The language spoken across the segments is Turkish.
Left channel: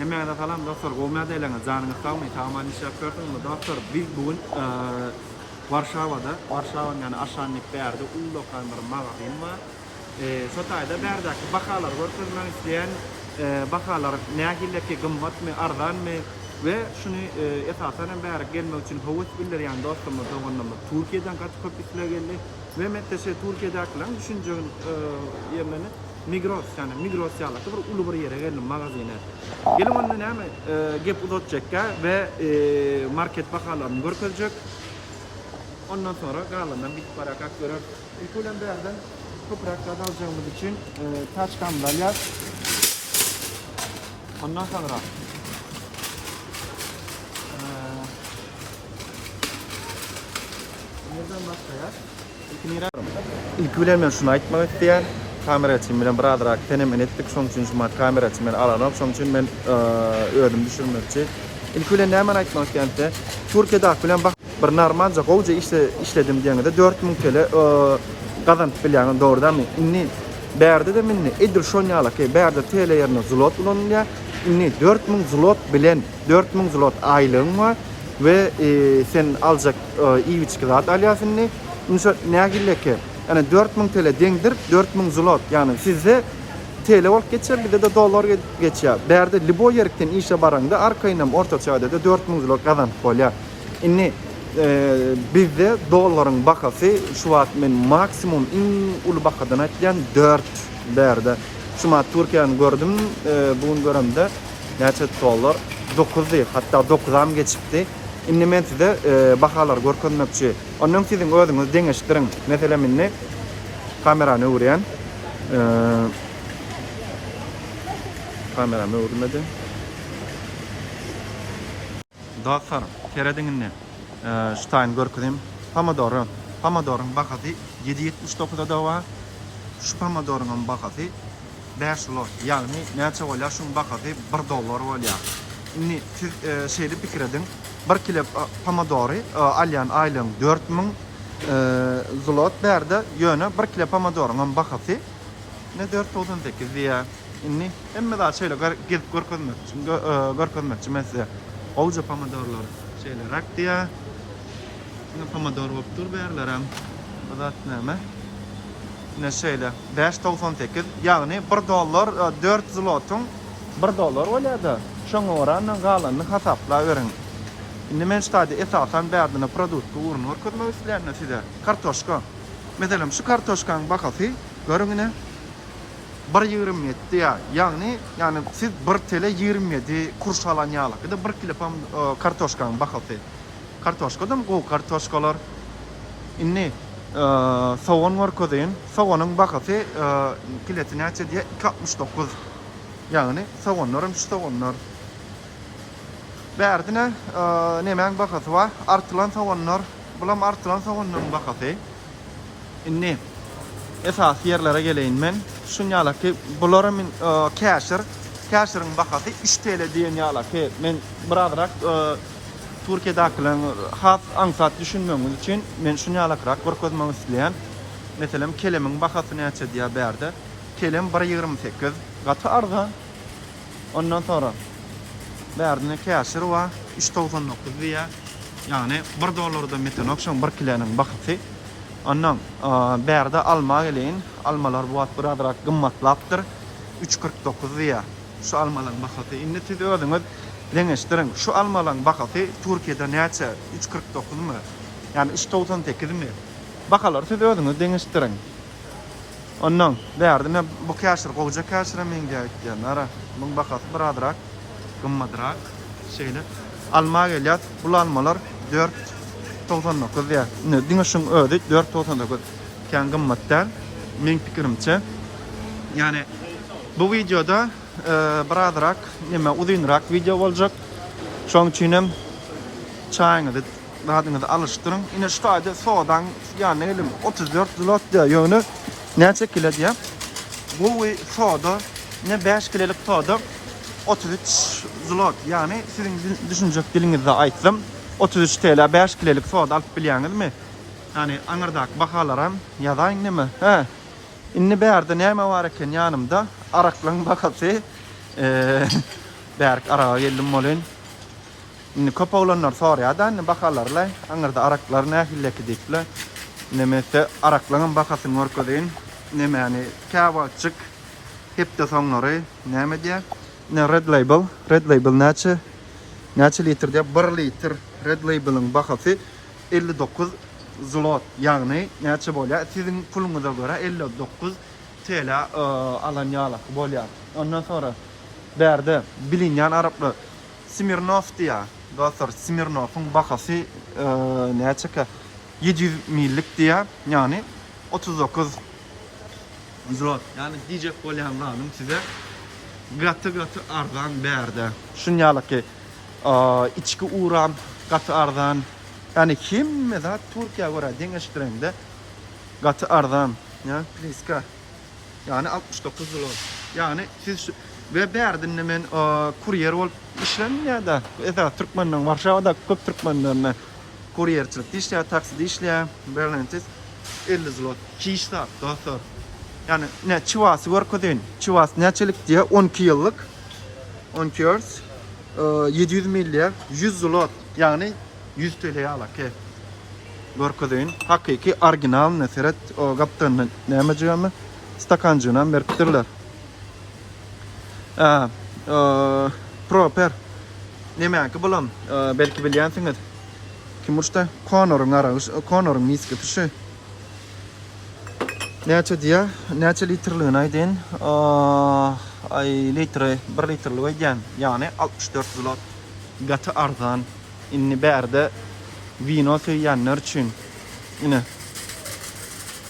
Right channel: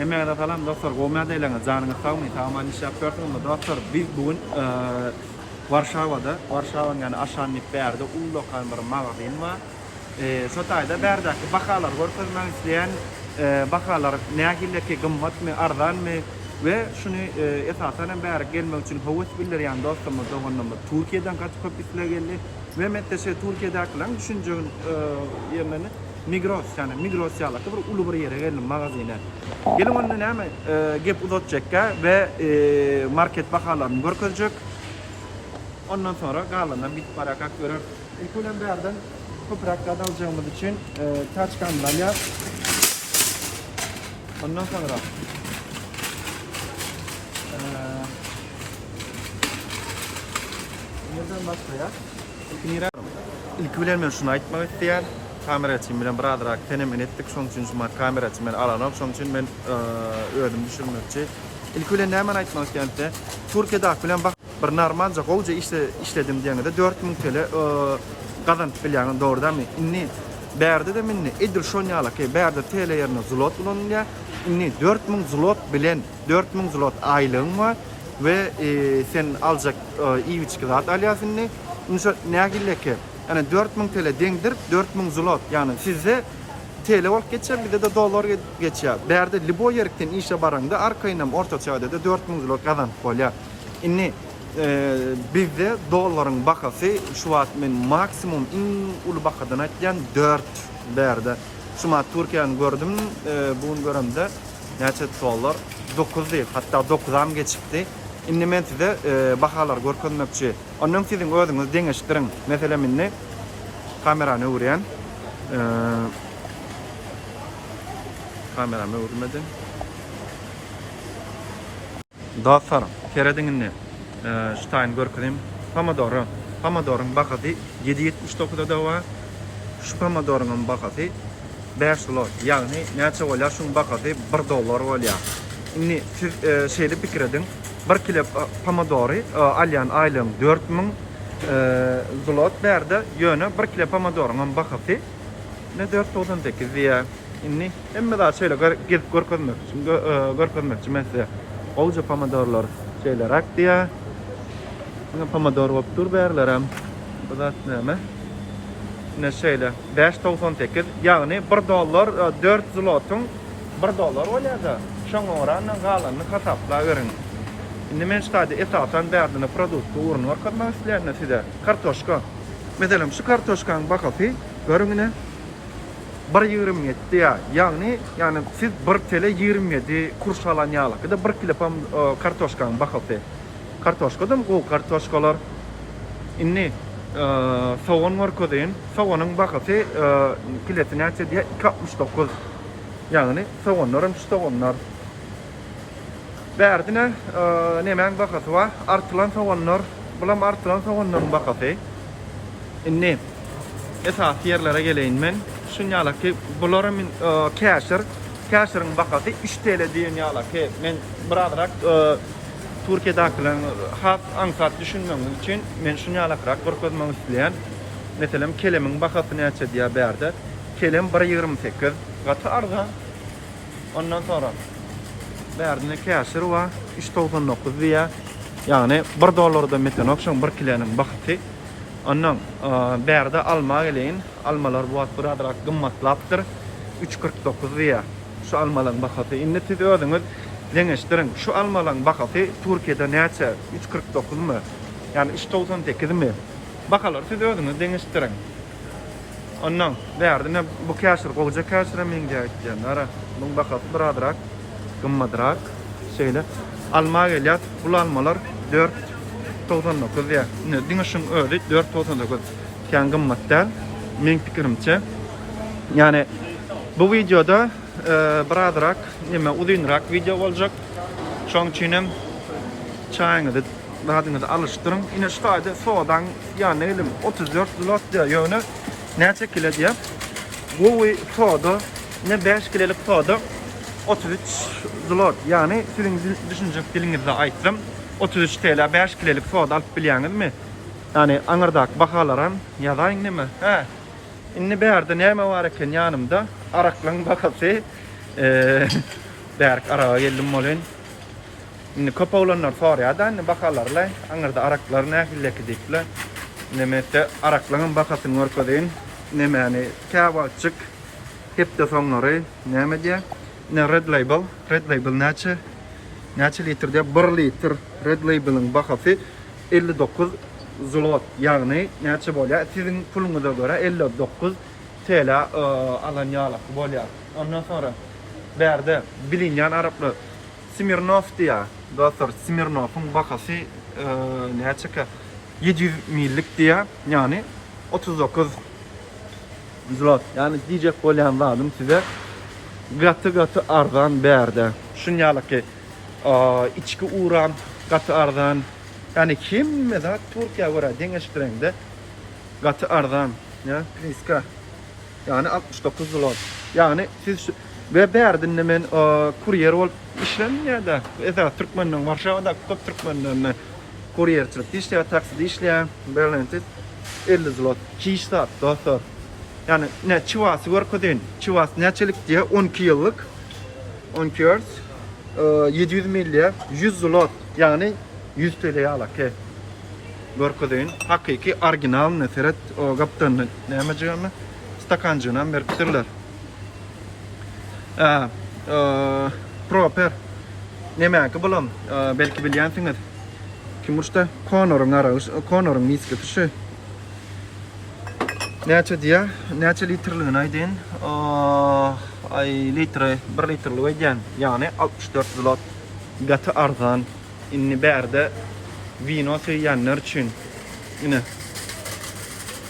Emeğe falan dostlar, goğmaya deyleğine canınız sağmayın. Tamamen iş yapıyordum ama dostlar, biz bugün Varşava'nın yani aşağının berde ulu lokan bir magazin var. Sotayda berdeki bakalar görkezmek isteyen bakalar nähilleki gımmat mı, ardan mı ve şunu esasen beri gelmek için havuz bilir yani dostlarımız doğanlarımız Türkiye'den kaç köpükler geldi ve mettese Türkiye'dekilerin düşünceğin yerlerini Migros yani Migros yalakta bir ulu bir yere geldim magazine. Gelin onun hemen gep uzatacakka ve market bakalarını görkezecek. Ondan sonra galandan bit parakak verir. İlk ulan bir yerden toprakta alacağımız için taç kandalya. Ondan sonra nereden başlayalım? İlk ulan ben şunu aytmak isteyen kamera için bilen biraderak tenemin ettik. Şunun için şu kamera için ben alanım. Şunun için ben ödüm düşürmekçi. İlk ulan ne hemen aytmak isteyen de Türkiye'de bilen bak bir normalca koca işledim diyende 4000 TL kazanıp bilyanın doğrudan mı? İnni berde de minni edir şonyalak berde TL yerine zlot bulunulya. İnni 4000 zlot bilen 4000 zlot aylığın var ve sen alacak iyi bir çıkırat alyasın ne? Ne gilleke? Yani 4000 TL dengdir 4000 zlot yani size TL olup geçer bir de dolar geçer. Berde libo yerikten işe baranda arkaynam orta çağda da 4000 zlot kazanıp kolya. İnni bizde doların bakası şu an men maksimum in ulu bakadan atyan 4 berde. Şu an Türkiye'nin gördüm bugün görümde neçe dolar 9 değil hatta 9'am geçipti. İnni men size bakalar görkönmekçi. Ondan sizin özünüz deňeşdirin. Mesela minni kamerany öwren. Kameramy öwrmedi. Dostlarım, kerediňini Stein görkezim. Pomodorun bakası 7.79'da da var. Şu pomodorun bakası 5 zlot. Yani neçe bolýar şunun bakası 1 dolar bolýar. Inni siz şeýle pikir edin. 1 kilo pomodori alyan aylığın 4000 zlot berde ýöne 1 kilo pomodorun bakası ne 498 diýär. Inni emme daha şeýle görkezmek için mesela oğuca pomodorlar şeyler ak diye pomodor bolup dur berlerim. Bu da näme? Ne şeýle 598 ýagny 1 dolar 4 zlotun 1 dolar bolýar. Şoň orandan galanyny hasapla berin. Indi men şeýle esasen berdine produkt urun görkezmek isleýän size kartoşka. Meselem şu kartoşkanyň bakasy görüňine 1.27 ya. Yani siz 1 TL 27 kuruş alan ýalyk. Da 1 kilo kartoşkanyň bakasy. Kartoşka da mı bu kartoşkalar? İnni soğan var kodayın. Soğanın bakası kilosu neçe diye 2.69. Yani soğanlar hem şu soğanlar. Berdine nemen bakası var. Artılan soğanlar. Bulam artılan soğanların bakası. İnni esas yerlere geleyim ben. Şunyala ki bularım Casher'ın bakası 3 TL diyen yala ki men biraderak Türkiye'dekilerin hat ansat düşünmem için men şunyalakrak görkezmek isleýän meselem kelemin bakasy näçe diýe berde kelem 1.28 gaty arzan ondan sonra berdine Casher wa 3.99 diýe yani 1 dolarda meten okşan 1 kilonyň bakasy ondan berde alma geleýin almalar bu wagt biraderak gymmatlapdyr 3.49 diýe şu almaların bakasy indi siz özüňiz deňeşdirin şu almaların bakasy Türkiýede näçe 3.49 mu yani 3.98 mi bakalar siz özüňiz deňeşdirin ondan berdine bu Casher goýja Casher'a men diýýär ara bu bakasy biraderak gymmadrak şeýle alma gelýär bu almalar 4.99 diýär ne diňeşiň özi 4.99 kän gymmatda men pikirimçe yani bu videoda biraderak nime uzunrak video boljak. Şoň üçin hem çaýyňyzy radyňyzy alışdyryň. Ine ştaýda soğudan ýani elim 34 zlot diýär ýöne näçe kilo diýär. Bu soğuda ne 5 kilolik soğuda 33 zlot ýani siziň düşünjek diliňizde aýtdym 33 TL 5 kilolik soğuda alyp bilýäňizmi? Yani aňyrdak bakalaran ýazaýyn nime? Ha. Inni berde näme bar eken ýanymda araklaryň bakasy Berk arağa geldim bolyn. Indi köp oğlanlar sorýar-da, bakarlarlar. Aňyrda araklar nähilleki diýipler. Nemese araklaryň bakasyny görkezýän. Nemeni käwaçyk hep de soňlary näme diýär? Ne Red Label. Red Label näçe litr diýip 1 litr Red Label'ın bakasy 59 zlot. Ýagny näçe bolýar? Siziň puluňyza görä 59 TL alanýarlyk bolýar. Ondan sonra berde bilinýän araplar Smirnov diýär. Dostlar, Smirnov'un bakasy näçe 700 millik diýär. Ýani 39 zlot. Yani diyecek bolýan zadım size gatı arzan berde. Şunýalyky içki uğran gatı arzan. Yani kim mesela Türkiye göre deňeşdirende gatı arzan. Ya priska. Yani 69 zlot. Yani siz ve berdin men kuryer bolup işlenýär-de. Esa Türkmenden Warşawada köp Türkmenden kuryerçilik işler, takside işler, Berlin'de 50 zlot. 2 saat dostlar. Yani ne çivası görkezýän. Çivas näçelik diye 12 ýyllyk. 12 years. 700 milli 100 zlot. Yani 100 TL ýalyk. Görkezýän. Hakyky original neseret o gapdan näme diýärmi? Stakanjyna beripdirler. Proper. Nämäki bolam? Belki bilýänsiňiz. Kim urşda Conor'un miski tuşy. Näçe diýär? Näçe litrliğini aýdyn? Ay litre, 1 litrli weýän. Ýani 64 zlot. Gatı arzan. Inni berde vino söýýänler üçin. Ine.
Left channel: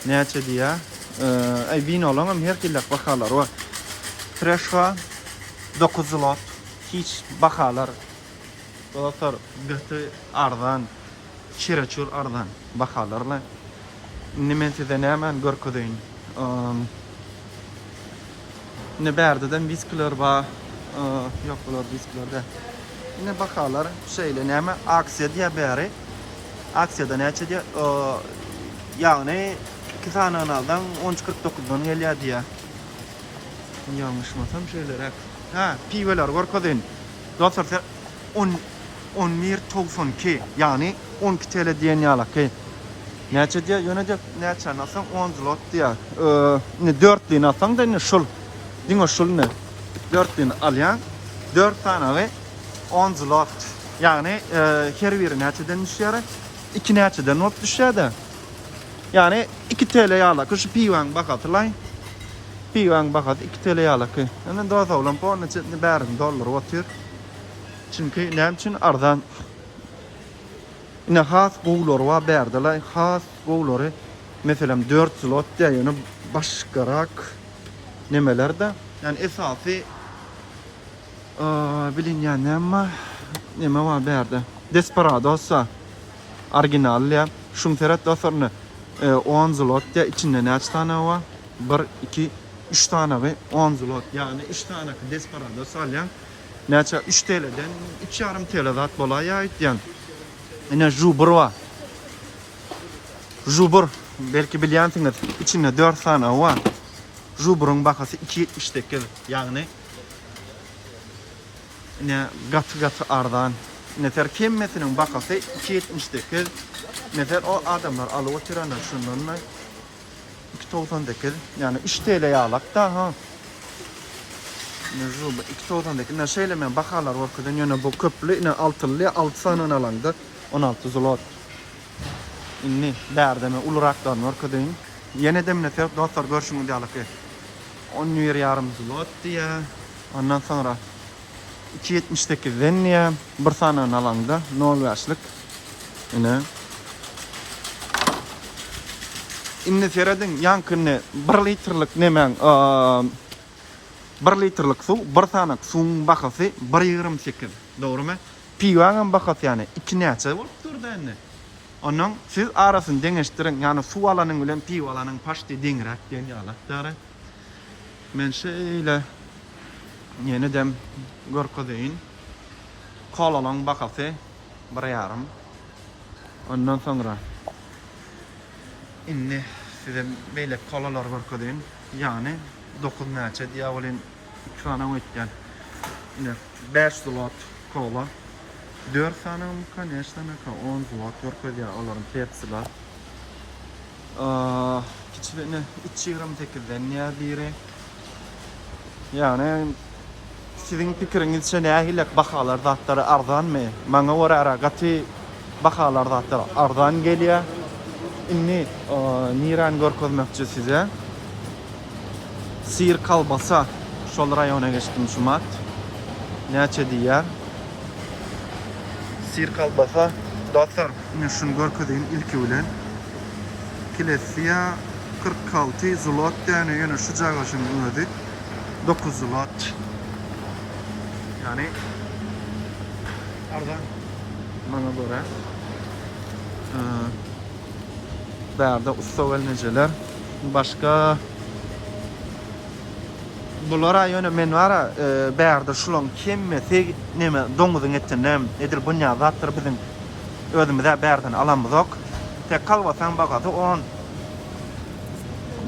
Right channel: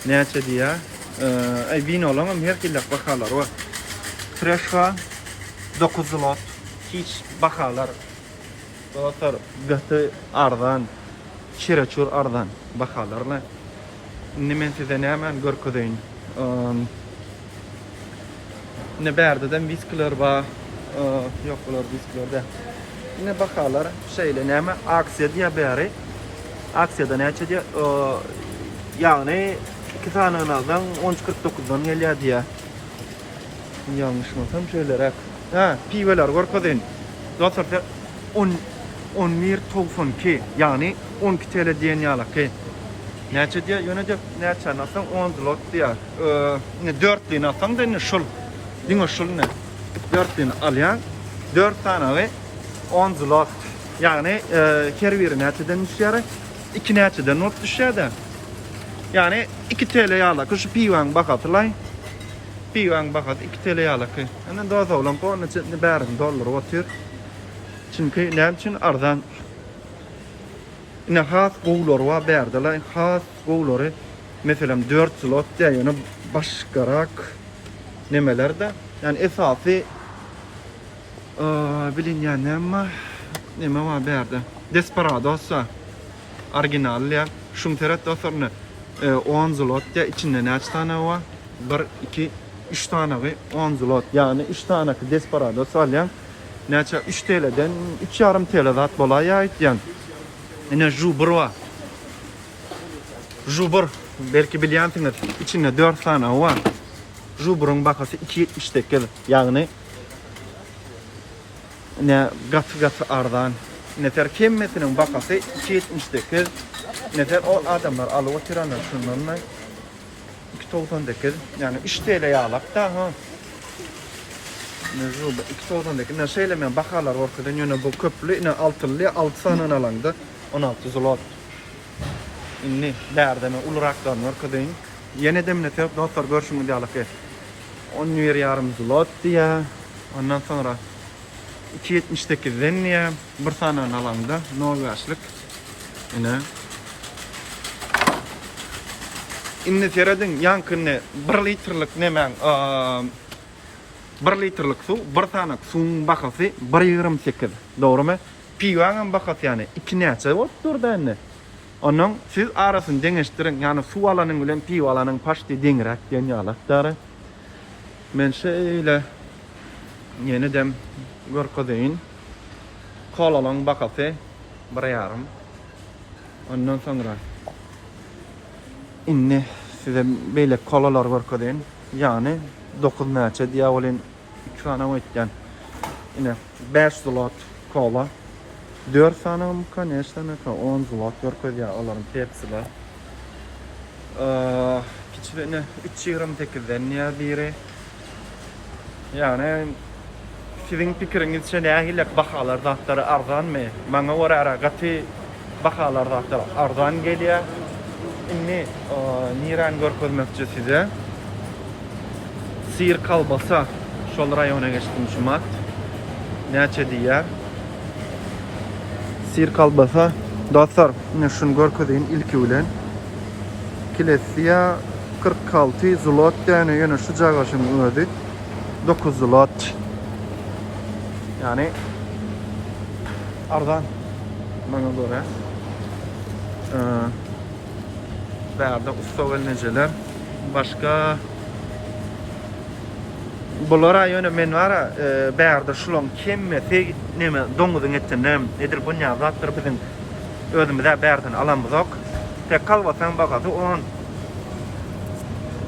Näçe diýär? Ay vinolarym her killek bahalar var. Treshwa 9 zlot. Hiç bahalar. Dostlar, gatı arzan. Şireçur arzan bahalarla. Men size nämen görkezýän. Ne berdeden viskiler bar. Yok bular viskilerde. Ne bahalar şeýle näme aksiýa diýe bäri. Aksiýada näçe diýe? Ýagny 2 sananyňdan 13.49dan gelýär diýe. Ýalňyşmasam şeýlerek. Ha, piweler görkezýän. Dostlar 11.92 ýagny 12 TL diýen ýalyky. Näçe diýär? Ýöne diýip näçe nasaň 10 zlot diýär. Ne 4 nasaň da ne şul. Diňe şul ne? 4 alýan 4 tane 10 zlot. Ýagny her biri näçeden düşýär? 2 näçeden not düşýär. Yani 2 TL ýalyk şu piwaň bakatlay. Piwaň bakat 2 TL ýalyk. Ana doza bolan po näçe bärin dollar otyr. Çünkü näme üçin arzan. Ne has gowlar wa berdiler. Has gowlary meselem 4 zlot diýeni başgarak nemelerde. Yani esasy bilinýän näme wa berdi. Desperados original ya. Şum teret dostlarny 10 zlot diye içinde näçe tane wa? 1 2 3 tane we 10 zlot. Yani 3 tane Desperados alýan. Näçe 3 TL'den 2,5 TL zat bolaýar aýtýan. Ene jubur wa. Jubur belki bilýänsiňiz. İçinde 4 tane wa. Juburun bakasy 2,78. Ýagny ne gatı arzan. Neter kemmetiniň bakasy 2,78. Neter o adamlar alyp oturanlar şundan 2,98. Yani 3 TL ýalyk da ha. Ne jubur 2,98. Ne şeýle bahalar orkadan ýöne bu köplü ne altyly 6 sanyň alanda 16 zlot. Inni bärdeme ulrakdan orkadan ýene demne tep dostlar görüşüňiz ýalyk. 10,5 zlot diýär. Ondan sonra 2,78'den ýa 1 sanyň alanda Norweçlik. Ine inni seredin ýankyny 1 litrlik nemen 1 litrlik suw 1 sanyk suwuň bakasy 1,28. Dogrymy? Piwaň bakasy ýani 2 näçe bolup durdy indi. Onuň siz arasyny deňeşdirin, ýani suw alanyň bilen piwa alanyň paşty deňrek diýen ýalakdary. Men şeýle ýene dem görkezýän. Kolalaň bakasy 1,5. Ondan sonra inni size beýle kolalar görkezýän. Ýani 9 näçe diýä bolan 2 tane ötýän. Yine 5 zlot kola. 4 tane mi конечно, 10 zlot görköz ya onların tepsiler. Kiçiğine 3.28'den ya biri. Yani sizin pikirinizçe nähilek bahalar zatları arzan mı? Maňa göre aragaty bahalar zatları arzan gelýär. Inni niran görkezmekçi size. Sir kalbasa şol raýona geçdim şumat. Näçe diýär? Sir kalbasa dostlar, ine şunu görkezýän ilki bilen. Kilesiya 46 zlot däne ýöne şu jagaşyň özi 9 zlot. Yani arzan maňa göre. Bäde ustawel nejeler. Başka bulara ýöne men wara bäde şulon kemmesi neme doňuzyň etinem edir bu ňazatdyr biziň özümizde bärden alamyzok. Tek kalbasan bagaty on.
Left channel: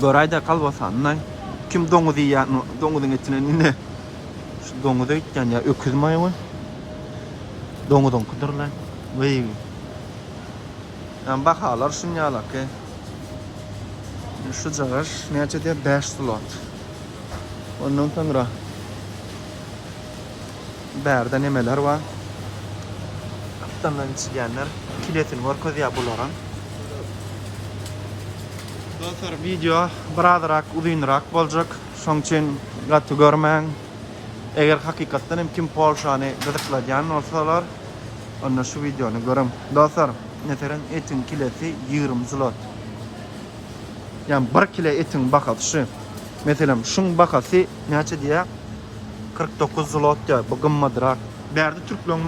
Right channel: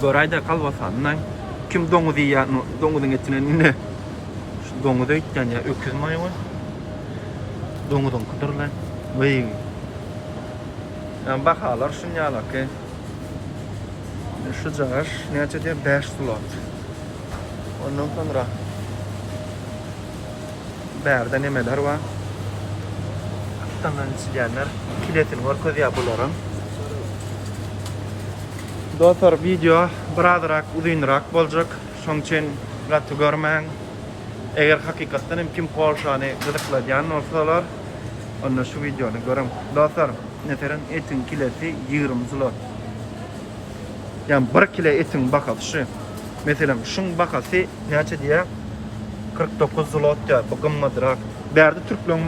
Doraýda kalbasandan kim doňuzy ýa doňuzyň etinen ine şu doňuzy etden ýa öküz maýmy? Doňuzyň kydyrlan. Wey. Bahalar şunyalar ki şu jagaş näçe diýip 5 zlot. Ondan sonra bärde nemeler var? Aptandan içilýänler kiletin görkezýär bularyň. Dostlar video birazrak uzunrak boljak. Şoň üçin gatty görmäň. Eger hakykatdan hem kim Polşany gyzykladýan bolsalar, onda şu videony görem. Dostlar, neteren etin kilesi 20 zlot. Yani 1 kilo etin bakatı. Mesela şun bakası näçe diýär? 49 zlot diýär. Bu gymmadyrak. Bärde türkleň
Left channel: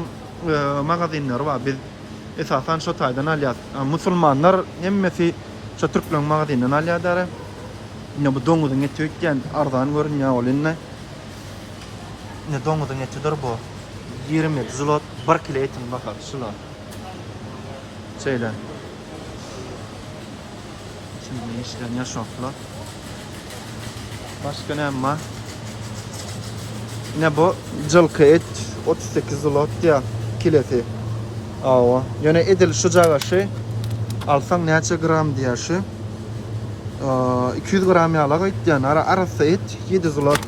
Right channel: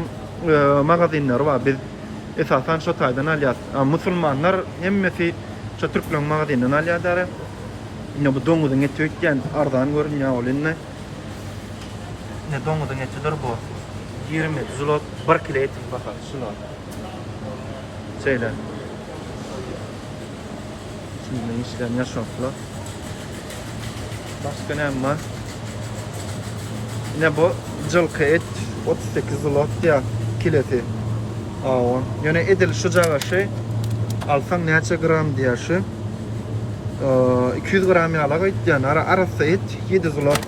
magazinleri var. Biz esasen şu taýdan alýar. Musulmanlar hemmesi şu türkleň magazinden alýar. Ine bu doňuzyň eti ökden arzan görünýär olinne. Ne doňuzyň etidir bu. 20 zlot 1 kilo etin bakatı. Şular. Şeyler. Şimdi işleyen yaşoklar. Başka ne var? Yine bu cılkı et 38 zlot diye kileti. Ava. Yani edil şu jagaşy alsam näçe gram diye şu. 200 gram ýalyk et diýen arasy et 7 zlot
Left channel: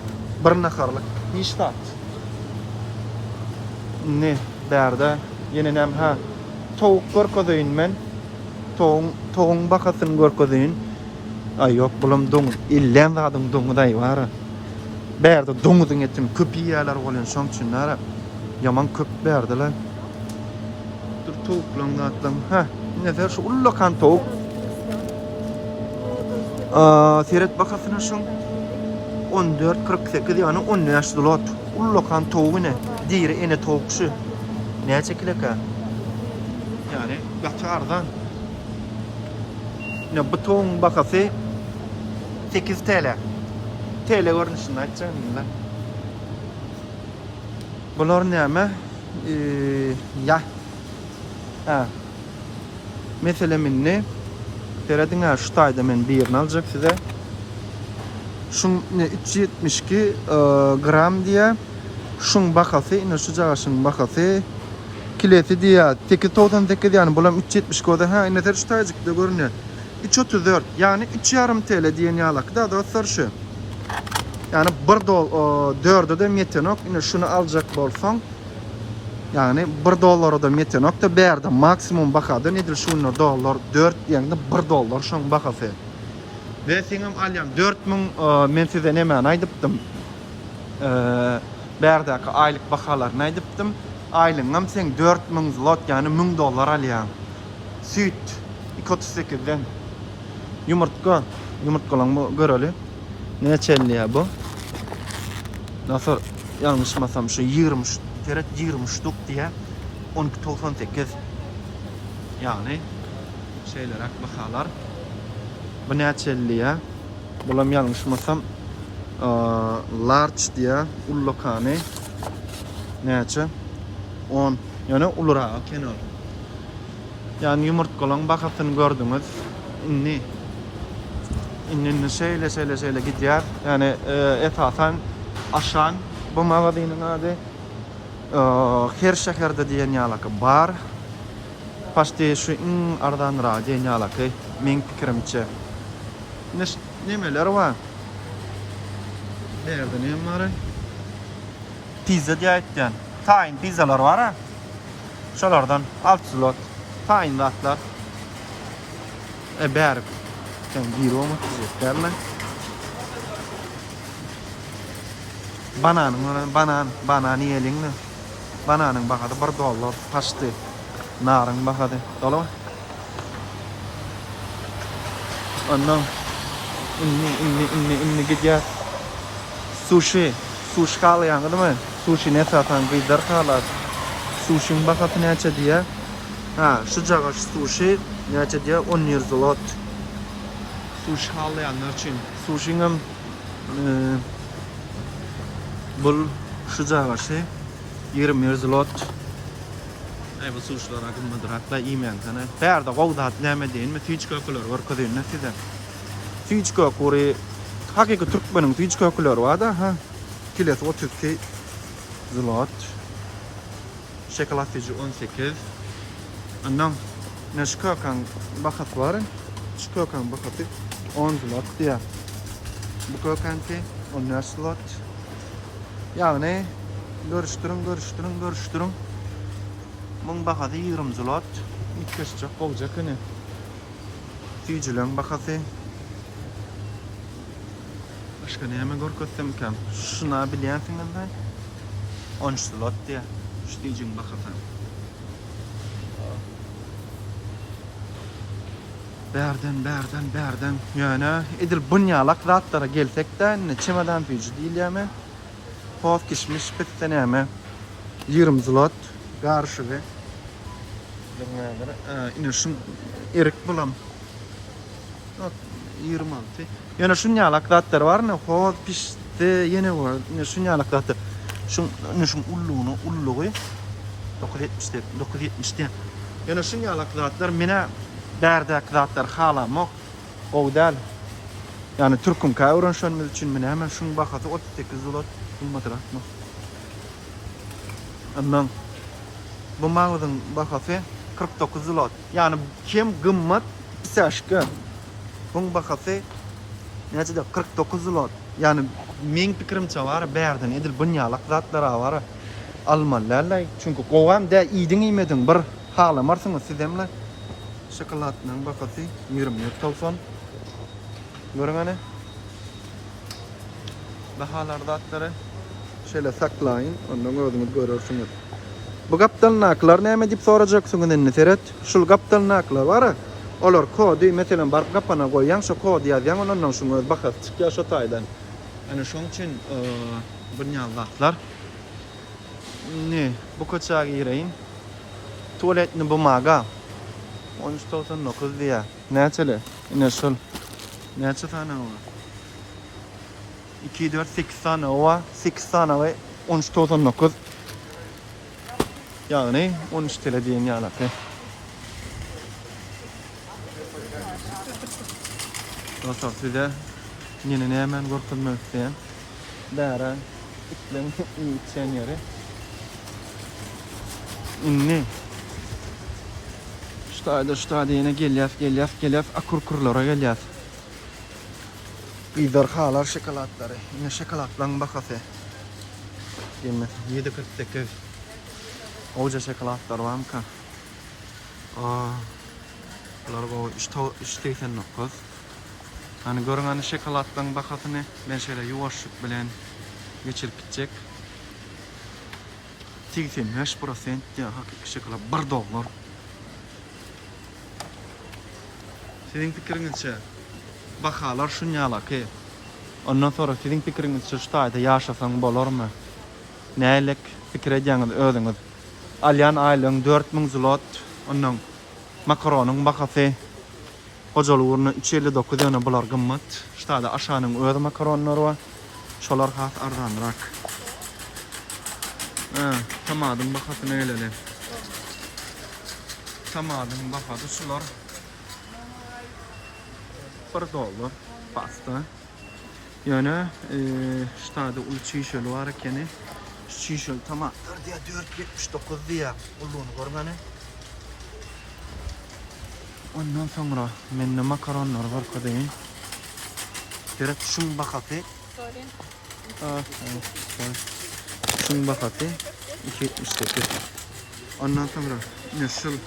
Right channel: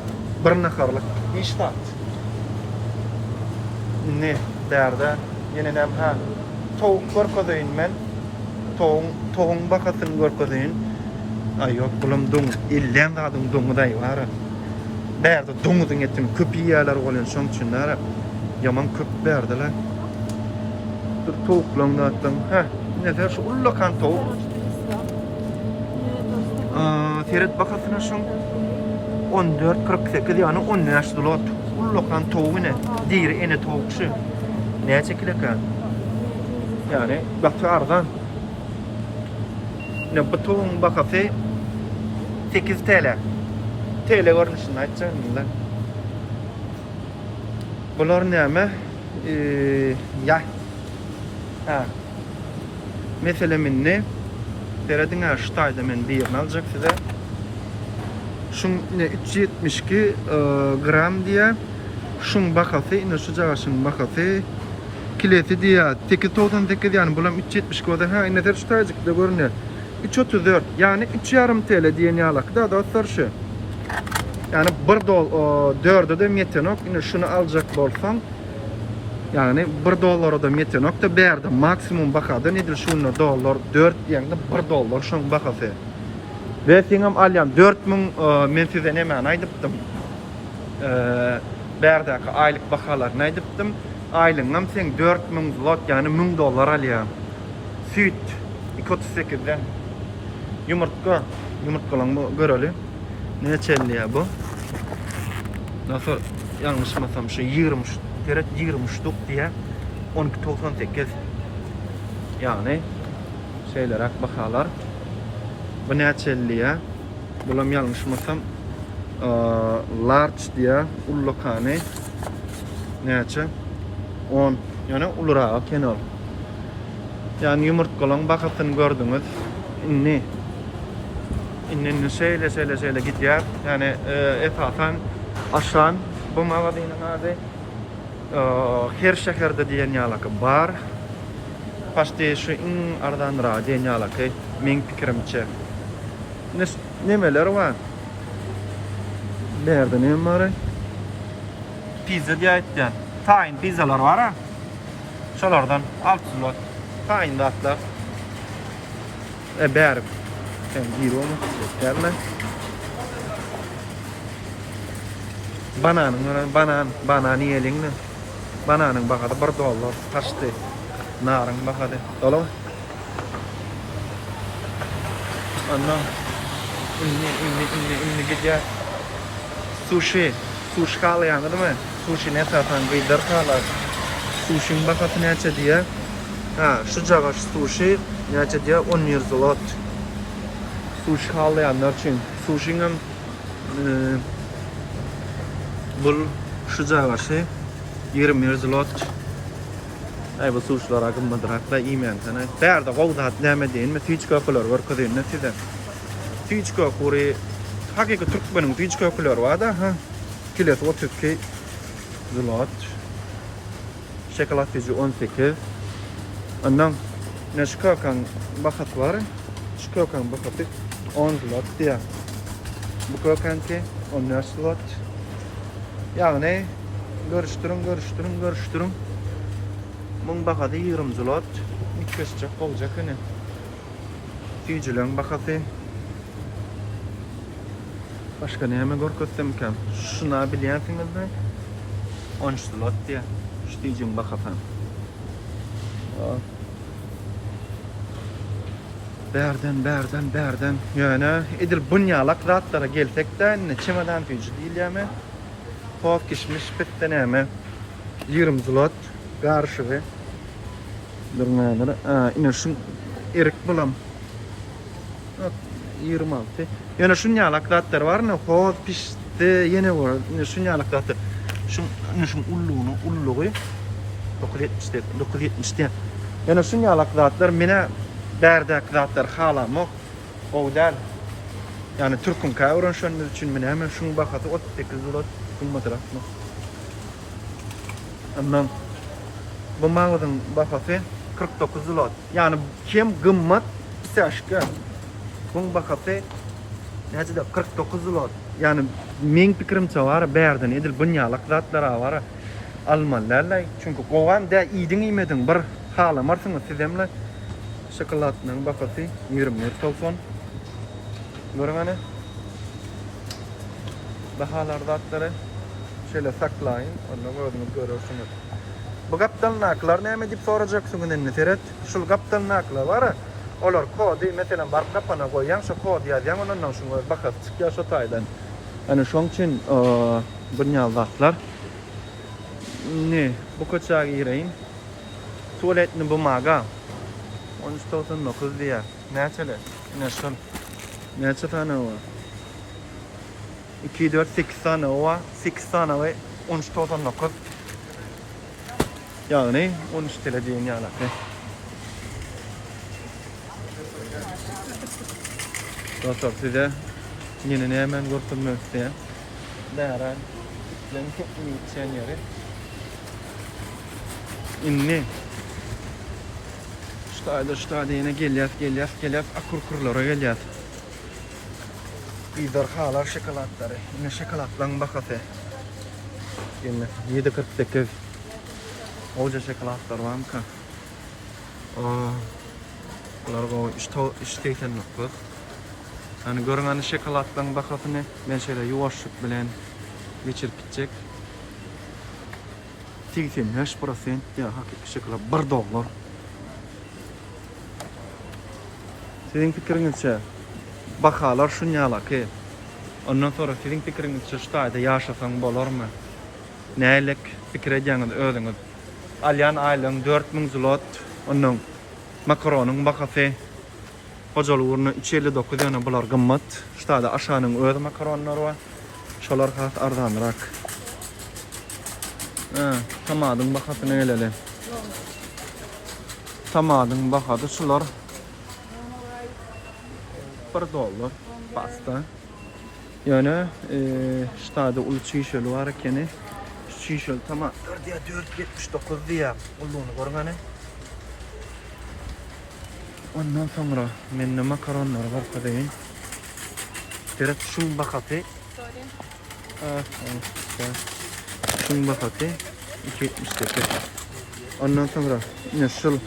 bir naharlyk. Niştat. Ne bärde ýene näme ha tavuk görkezýän men. Toğun bakasyny görkezýän. Ay ýok, bulam doň, illen adam doňuday bar. Bärde doňuzyň etini köp ýerler bolýan, şoň üçin ýaman köp bärdiler. Dur tawuklaryň atlan. Ha, näder şu ullakan tawuk. Seret bakasyna şoň 14-48 ýani 10 ýaş zlot. Ullakan tawugyny, diýri ene tawukçy. Näçe kileka? Yani bakça arzan. Ne buton bakası 8 TL. TL görünüşünü açacağım. Bunlar näme? Ya. Ha. Mesela minne terediň şu taýda men birini aljak size. Şun ne 372 gram diye. Şun bakası ine şu jagaşyň bakası kilesi diýär 898 yani bulam 370 goda ha ine ter şu taýjykda görünýär. 334 yani 3,5 TL diýen ýalakda da sorşy. Yani 1 4 de metenok ine şunu aljak bolsaň yani 1 dollara da metenok da bärde maksimum bakada nedir şunu dollar 4 ýa-da 1 dollar şoň bakasy. Ve seňem alýam 4000 men size näme aýdypdym. Bärdäki aýlyk bahalarny aýdypdym. Aýlyňam sen 4000 zlot yani 1000 dollar alýan. Süt 238'den yumurtkalan göreli. Näçe ýa bu? Nasıl yanlışmasam şu 20 teret 20 ştuk diye 12.98 yani şeyler bahalar. Bu näçe ýa? Bulam yanlışmasam large diye ullokany näçe 10 yani ulura kenol. Yani yumurtkalan bakasyny gördüňiz. İnnen şeýle gidýär. Yani esasen aşan bu magazynyň ady her şehirde diýen ýalak bar. Paşdy şu ardan diýen ýalak, men pikirimçe. Nemeler var? Nerede ne var? Pizza diýetden. Tayin pizzalar var ha. Şolardan 600 lot. Tayin atlar. Bäri. Sen giromu derler. Banan ýeliňni. Bananyň bagady $1 taşdy. Narın bagady. Dolamy? Ondan inni gidýär. Sushi haly ýangydymy? Sushi ne satan gydar halar. Sushiň bagady näçe diýär? Ha, şu jaga sushi näçe diýär? 10 zlot. Sushi haly ýanlar üçin. Sushiň bul şu jaga 20 zlot. Ay bu suçlar agymmadyrak da iýmen sana. Bärde gowdat näme diýen, hiç kökler bar köden näseden. Hiç kökleri hakiki türkmeniň hiç kökleri var da ha. Kilet 32 zlot. Şokoladçy 18. Ondan näşkökan bahat var. Şkökan bahaty 10 zlot diýär. Bu kökanki 10 zlot. Ýagny görüşdürün. Mun bakady 20 zlot. İkişçek boljak ene. Fijilen bakasy. Başka näme görkezsem kam? Şuna bilýänsiňizmi? 10 zlot diýär. Ştiýjin bakasam. Berden. Ýöne edil bunýalak zatlara gelsek-de çemadan fiji diýilýärmi? Toz kişmiş bitde näme? 20 zlot. Garşygy. Durmaýlar. Ine şun erik bulam. 26. Ýene şunýalak zatlar barmy? Hoz pişdi, ýene var. Ine şunýalak zatlar. Şun ullugy 970. Ýene şunýalak zatlar mene bärdäk zatlar halamok. Owdal. Yani Türk'ün kavran şunun için mene hemen şunu bakatı 38 zlot bulmadırak mı? Anlam. Bu mağazın bakatı 49 zlot. Yani hem gımmat pis aşkı. Bunun bakatı nece de 49 zlot. Yani men pikirimçe var bärden edil bunýalak zatlara var. Almanlarla çünkü gowan da iýdiň iýmedin bir halamarsınız sizemle. Şokoladnyň bakatı 20.90. Görüňene. Bahalar zatları şöyle saklayın. Ondan özüňiz görürsiniz. Bu gapdalnaklar näme diýip sorajaksyňyz indi Ferhat? Şul gapdalnaklar bar. Olar kody meselen bar gapana goýan şu kody ýazýan ondan şunu bakat çıkýar şu taýdan. Ana şoň üçin bunýal zatlar. Ne, bu köçäge gireýin. Tualetni bumaga 13.9 diýär. Näçeli? Ine şol. Näçe tane o? 2, 4, 8 tane o. 8 tane ve 13.9. Yani 13 TL diýen ýalapy. Dostlar size meni nämen görkezmek isteýän. Bären itlen köpüýçen ýeri. Inni Ştaýda ýene gelýär, akurkurlara gelýär. Bizler halar şokoladlary. Ine şokoladlaryň bakasy. Ýene 7.48. Oja şokoladlar barmy ka? Bular go işteýsen nokuz. Yani görüňän şokoladlaryň bakasyny men şeýle ýuwaşlyk bilen geçirip gitjek. 85% ýa hakiki şokolad $1. Sizin pikiriňizçe bahalar şunýalaky. Ondan sonra sizin pikiriňizçe şu taýda ýaşasaň bolarmy? Nälik pikir edýäňiz özüňiz? Alyan aýlyň 4000 zlot. Ondan makaronyň bakasy hojalygyny 359 ýene bular gymmat. Şu taýda aşanyň öz makaronlary bar. Şolar has arzanrak. Tamadyň bakasy näle? Tamadyň bakasy şular $1 pasta. Yani ştada ulu çiğşeli var kene şişel tomatlar diye 4.79 diye. Ulluğunu görmeni. Ondan sonra menne makaronlar var kodayin. Biraz şun bakatı. Şun bakatı. 2.78. Ondan sonra nasıl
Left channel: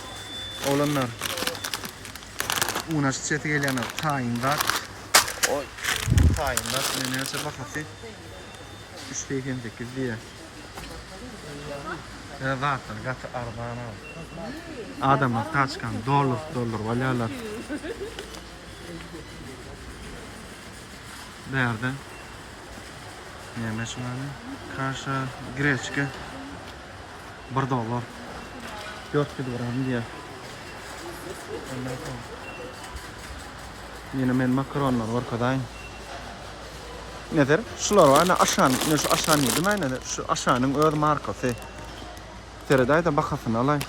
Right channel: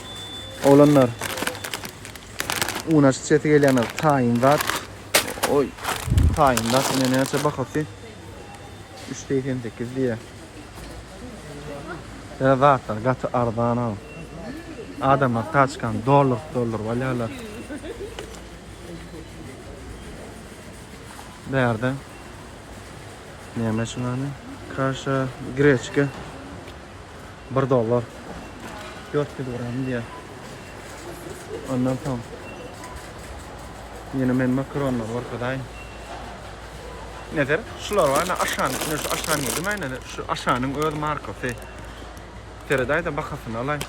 olanlar unaş çete gelenler tayindat. Oy. Tayindat yine ne açı bakatı. 3.88 diye. Ya zaten gatı ardan al. Adamlar taçkan dolar valyalar. Nerede? Neymiş şunları? Kaşa, greçka. $1. 4 gram diye. Ondan sonra. Yine men makaronlar var kadar. Nedir? Şular var. Aşağının değil mi? Nedir? Şu aşağının öz markası. Tereday da bakasın alay.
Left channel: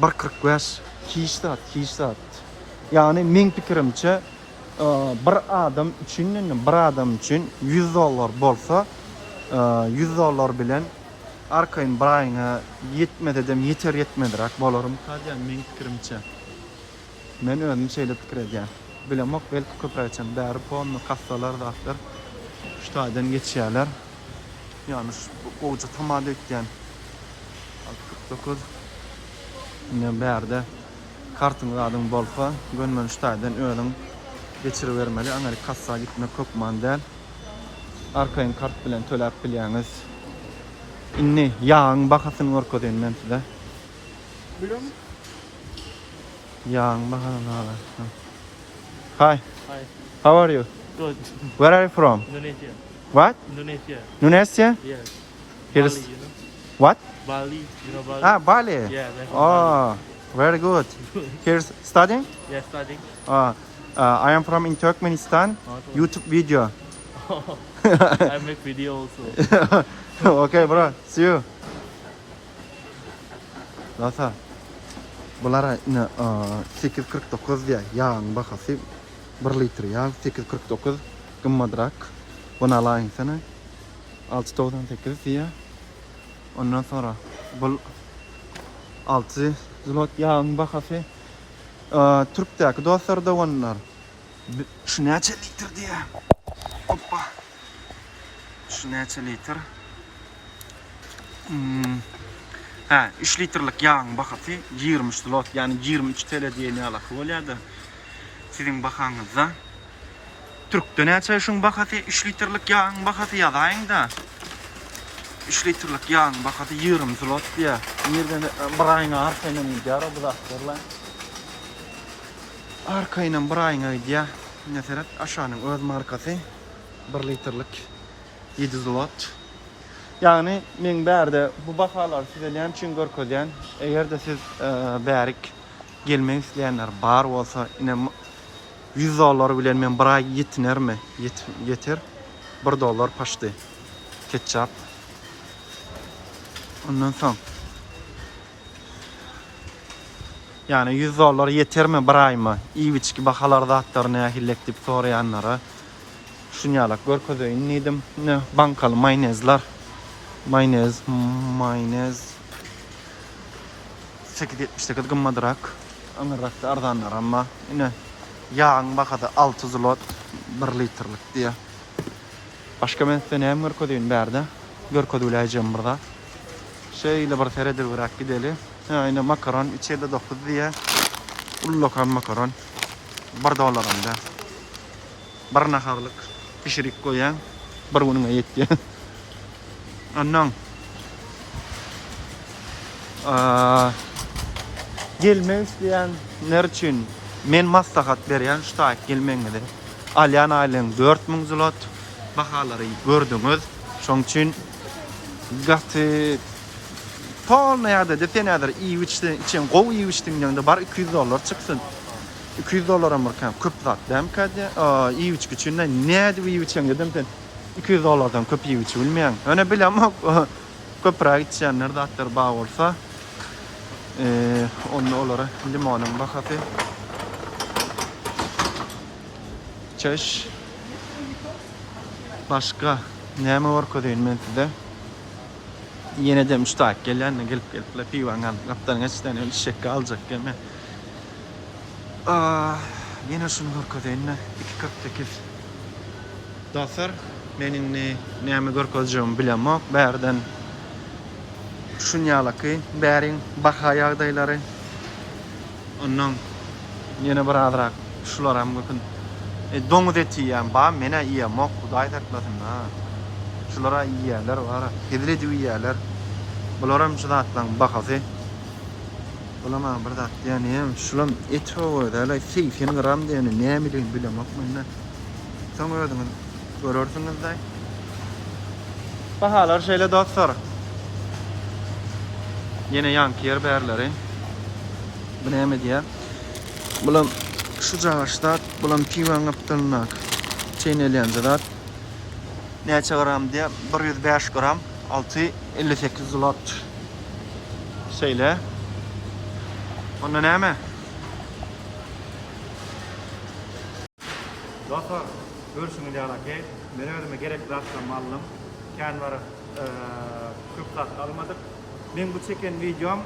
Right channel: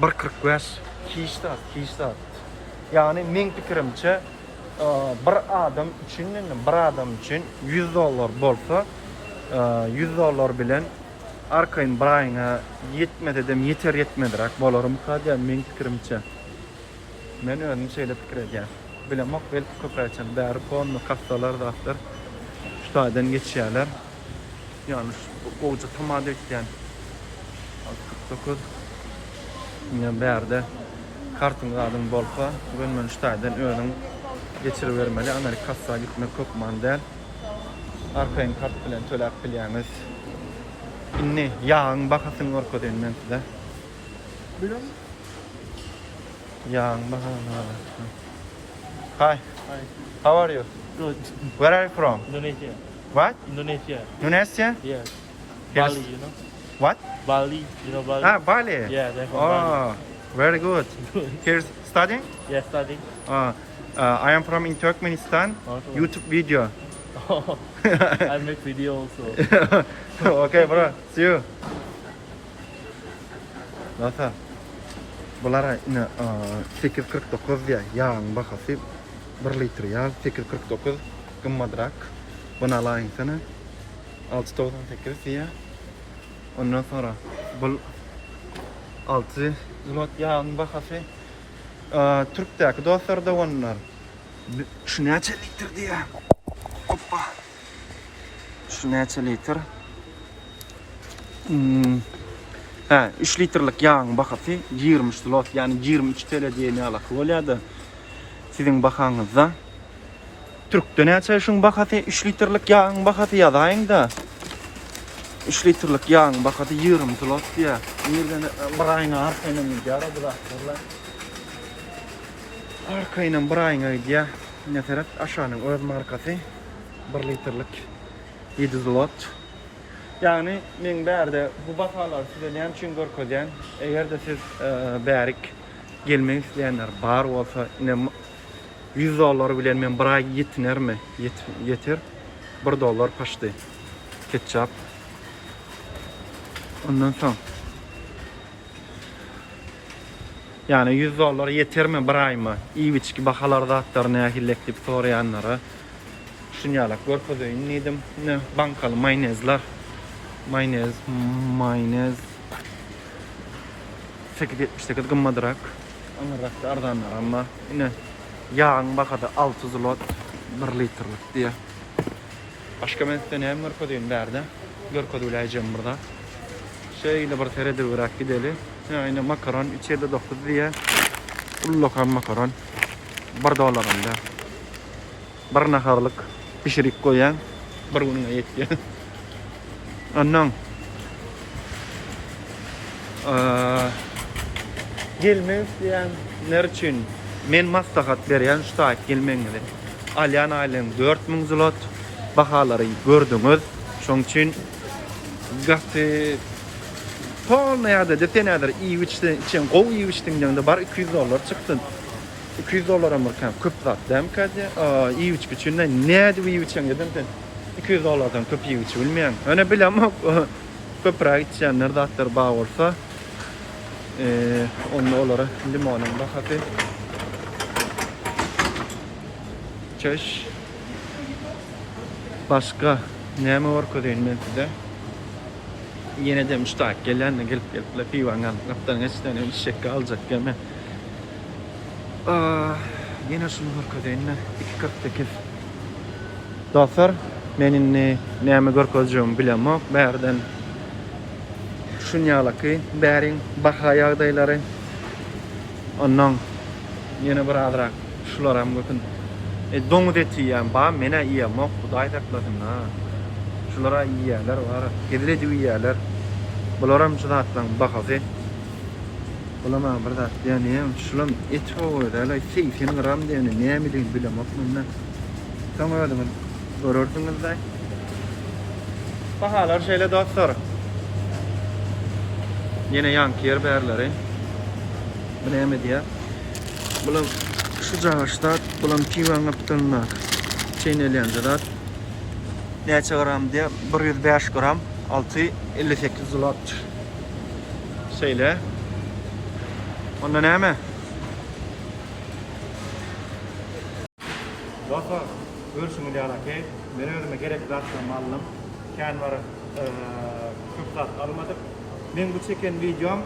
1.45 kişisat. Yani min fikrimce bir adam için $100 bolsa $100 bilen arkayın brayına yetmedi dem yeter yetmedirak bolarım kadar min fikrimce. Men özüm şöyle fikir edeceğim. Bilemek belki köprəçən dərə puanlı kassalar da atlar. Şu taydan geçiyorlar. Yani şu koca tamada etken 49 yine berde kartın adım bolsa ben şu taydan özüm geçirivermeli. Amerika kassa gitme köpman değil. Arkayın kart bilen tölep bilyaniz. İnni yağın bakasın orko denilen size. Biliyor musun? Yağın bakasın. Hi. Hi. How are you? Good. Where are you from? Indonesia. What? Indonesia. Indonesia? Yes. Yes. Bali, you know? What? Bali. You know Bali? Ah, Bali. Yeah, they're from Bali. Oh, very good. Here's studying? Yeah, studying. I am from in Turkmenistan. Also. YouTube video. I make video also. Okay, bro. See you. Zaten bunlara yine 8.49 diye yağın bakası 1 litre yağ 8.49 gımmadrak bunu alayım sana 6.98 diye ondan sonra bu 6 zlot yağın bakası Türk'teki dostlar da onlar şu neçe litre diye hoppa şu neçe litre 3 litrelik yağın bakası 20 zlot yani 23 TL diye ne alakı oluyordu. Sizin bakanızda Türk'te neçe şun bakası 3 litrelik yağın bakası yazayın da 3 litrelik yağın bakası 20 zlot diye. Nereden birayına arkayla gidiyor bu da. Arkayla birayına gidiyor. Ne taraf aşağının öz markası 1 litrelik 7 zlot. Yani men berde bu bakalar sizden için görkodiyan eğer de siz berik gelmeyi isteyenler bar olsa yine $100 bilen men bir ay yetiner mi? Yeter. $1 paştı. Ketçap. Ondan sonra yani $100 yeter mi bir ay mı? İyi biçki bakalarda atlar ne hillek dip sorayanlara şunyalak görkodiyan nedim ne bankalı mayonezler. Mayonez 8.78 gımmadırak anırrakta ardanlar ama yine yağın bakadı 6 zlot 1 litrelik diye başka ben size neyem görkoduyum derdi görkoduylayacağım burada şeyle bir teredir bırak gidelim yine makaron 3.9 diye ullokan makaron $1 anda bir naharlık pişirik koyan bir gününe yetki ondan gelmek isteyenler için men maslahat beren şu tak gelmeňiz. Alyan aýlyň 4000 zlot bahalary gördüňiz. Şoň üçin gaty polmaýarda detenader iýiçden için gowy iýiçdiňde bar $200 çyksyn. $200 Amerikan köp zat dämkadi. Iýiç üçinde näde iýiçen dedim $200'dan köp iýiç bilmeýän. Öne bilemok köpräk içenler de atlar bağ olsa onu olara limonun bakatı çeş başka neyme var kodayım ben size Yine de müstahak gelenle gelip pivangan kaptan geçten işek alacak gemi. Yine şunu görkezeyinne 2.48. Dostlar, menin näme görkezjegimi bilemok. Bärden şunýalaky bäriň baha ýagdaýlary. Ondan yine bir azrak şularam gökün. Doňuz eti ýa ba mene ýemok, Hudaý taklasyn ha. Şulara ýerler bar, gedile ýerler. Bularam şulatdan bakasy. Bulama bir zat diýenim, şulam et hoýda 80 gram diýeni näme diýip bilemok mende. Soň ödüňiz görürsüňiz-de. Bahalar şeýle dostlar. Yine yanky yer bärleri. Bu näme diýär? Bulam şu jagaşda bulam piwan aptylnak. Çeýnelýän zat. Näçe gram diýär? 105 gram, 658 zlot. Şeýle. Onda näme? Dostlar, görüşüňiz ýalaky. Men özüme gerek zatdan mallym. Kän bar köp zat almadyk. Men bu çeken videom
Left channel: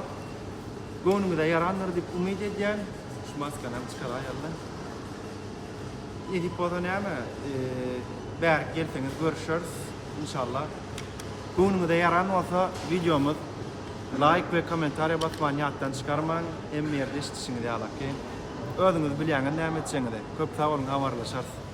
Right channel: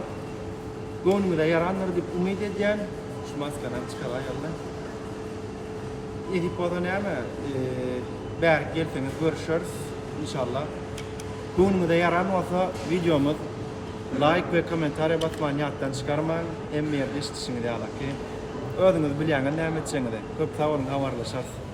göwnüňizde ýarandyr diýip umyt edýän. Şu maskanam çykar aýallar. Edip bolan näme? Bäri gelseňiz görüşürüz inşallah. Göwnüňizde ýaran bolsa videomuz like ve kommentaria basmaň ýatdan çykarmaň. Hem ýerde işleşiňiz ýalaky. Özüňiz bilýäňiz näme etseňiz. Köp sag bolun, habarlaşarsyz.